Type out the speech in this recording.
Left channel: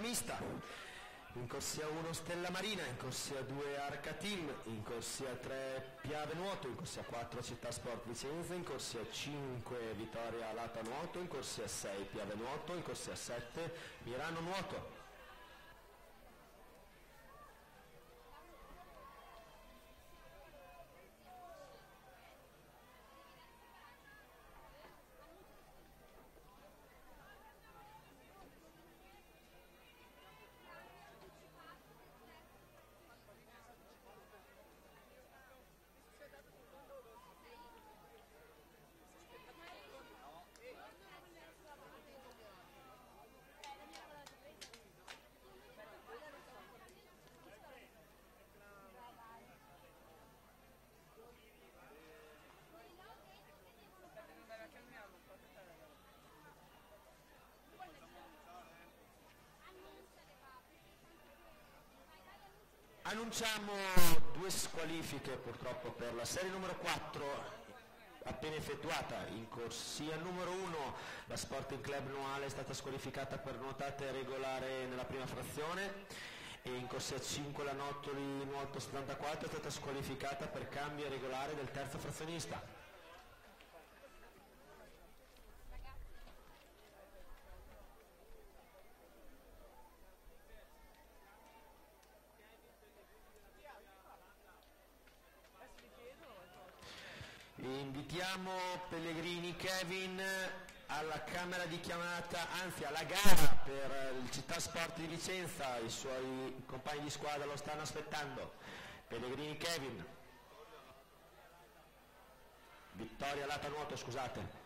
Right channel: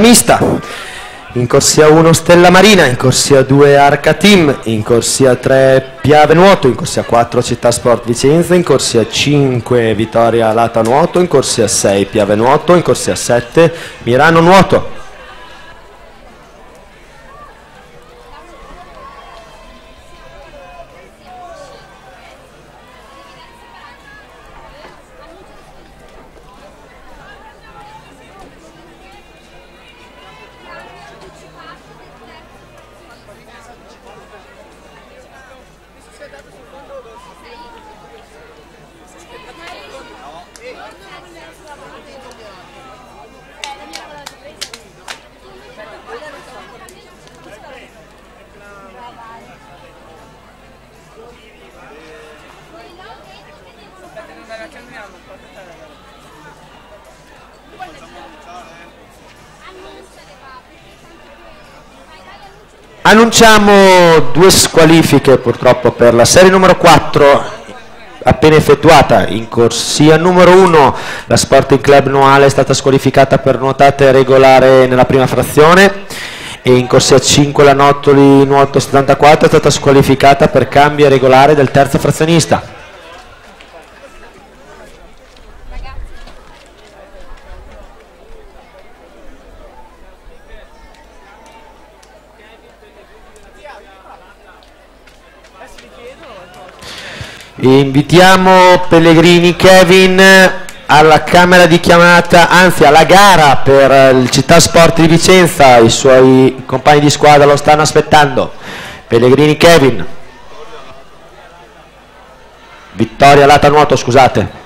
Mista, in corsia 1 Stella Marina, in corsia 2 Arca Team, in corsia 3 Piave Nuoto, in corsia 4 Città Sport Vicenza, in corsia 5 Vittoria Lata Nuoto, in corsia 6 Piave Nuoto, in corsia 7 Mirano Nuoto. Annunciamo due squalifiche purtroppo per la serie numero 4 appena effettuata. In corsia numero 1 la Sporting Club Noale è stata squalificata per nuotate regolare nella prima frazione, e in corsia 5 la Nottoli Nuoto 74 è stata squalificata per cambio regolare del terzo frazionista. Invitiamo Pellegrini Kevin alla camera di chiamata, anzi alla gara per il Città Sport di Vicenza. I suoi compagni di squadra lo stanno aspettando. Pellegrini Kevin, Vittoria Lata Nuoto, scusate.